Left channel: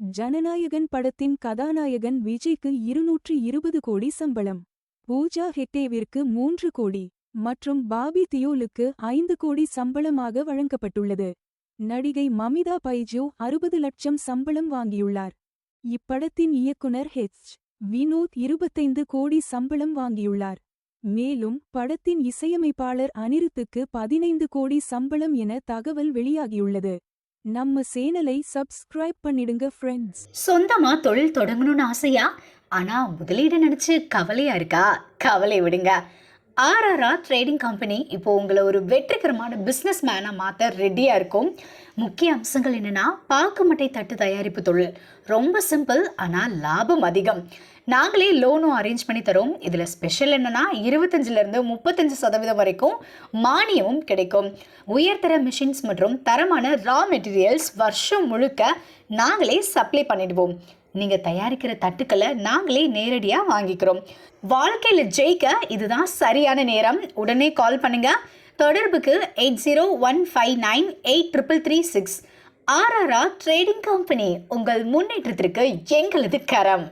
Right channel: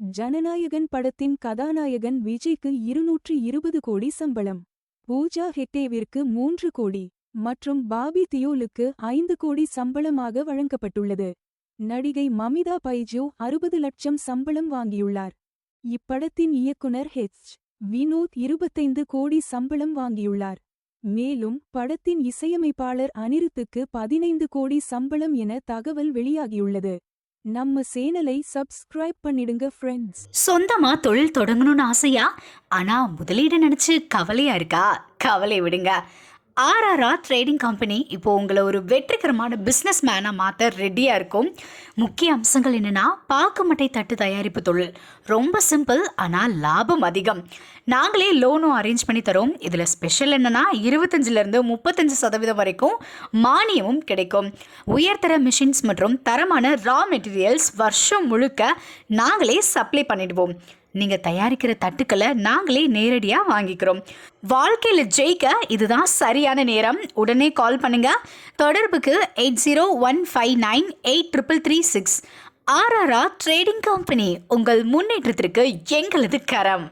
ஜனநாயகன் படத்தின் கதாநாயகன் விஜய்க்கு 220 கோடி சம்பளம். பூஜா ஹெக்டேவிற்கு 3 கோடி மற்றும் பாபி தியோலுக்கு 5 கோடி சம்பளமாக வழங்கப்பட்டுள்ளது. நடிகை மமிதா பைஜு 60 லட்சம் சம்பளம் வாங்கியுள்ளார். இப்படத்தின் இயக்குனர் வினோத் 25 கோடி சம்பளம் வாங்கியுள்ளார். மேலும் படத்தின் இசையமைப்பாளர் அனிருத்துக்கு 15 கோடி சம்பளம் என தகவல் வெளியாகியுள்ளது. நம்ம சேனலை சப்ஸ்கிரைப் பண்ணிடுங்க ஃப்ரெண்ட்ஸ். சொந்தமா தொழில் தொடங்கணும்னு ஆசையா? ஆனா முதலீடு நினைச்சு கவலையா இருக்கா? கவலை விடுங்க. ஆர்ஆர்ஆர் ட்ரேடிங் கம்பெனி இப்போ உங்களை ஒரு வெற்றிகரமான பிஸ்னஸ் மேனாக மாற்ற ரெடியாக இருக்கும். முக்கிய அம்சங்கள் என்னென்னா, பாக்குமட்டை தட்டு தயாரிப்பு தொழில் ரொம்ப சிம்பிள், ஆனால் லாபம் அதிகம். நாங்களே லோனும் அரேஞ்ச் பண்ணி தரோம். இதில் ஸ்பெஷல் என்னென்னா 25% 35% வரைக்கும் மானியமும் கிடைக்கும். உயர்தர மிஷின்ஸ் மற்றும் தரமான ரா மெட்டீரியல்ஸ் வருஷம் முழுக்க நாங்களே சப்ளை பண்ணிடுவோம். நீங்கள் தயாரிக்கிற தட்டுக்களை நாங்களே நேரடியாக வாங்கிக்கிறோம். வாழ்க்கையில் ஜெயிக்க இதுதான் சரியான நேரம். உடனே கால் பண்ணுங்க. தொடர்புக்கு 8015983336. ஆர்ஆர்ஆர் ட்ரேடிங் கம்பெனி, உங்கள் முன்னேற்றத்திற்கு எங்களது கரம்.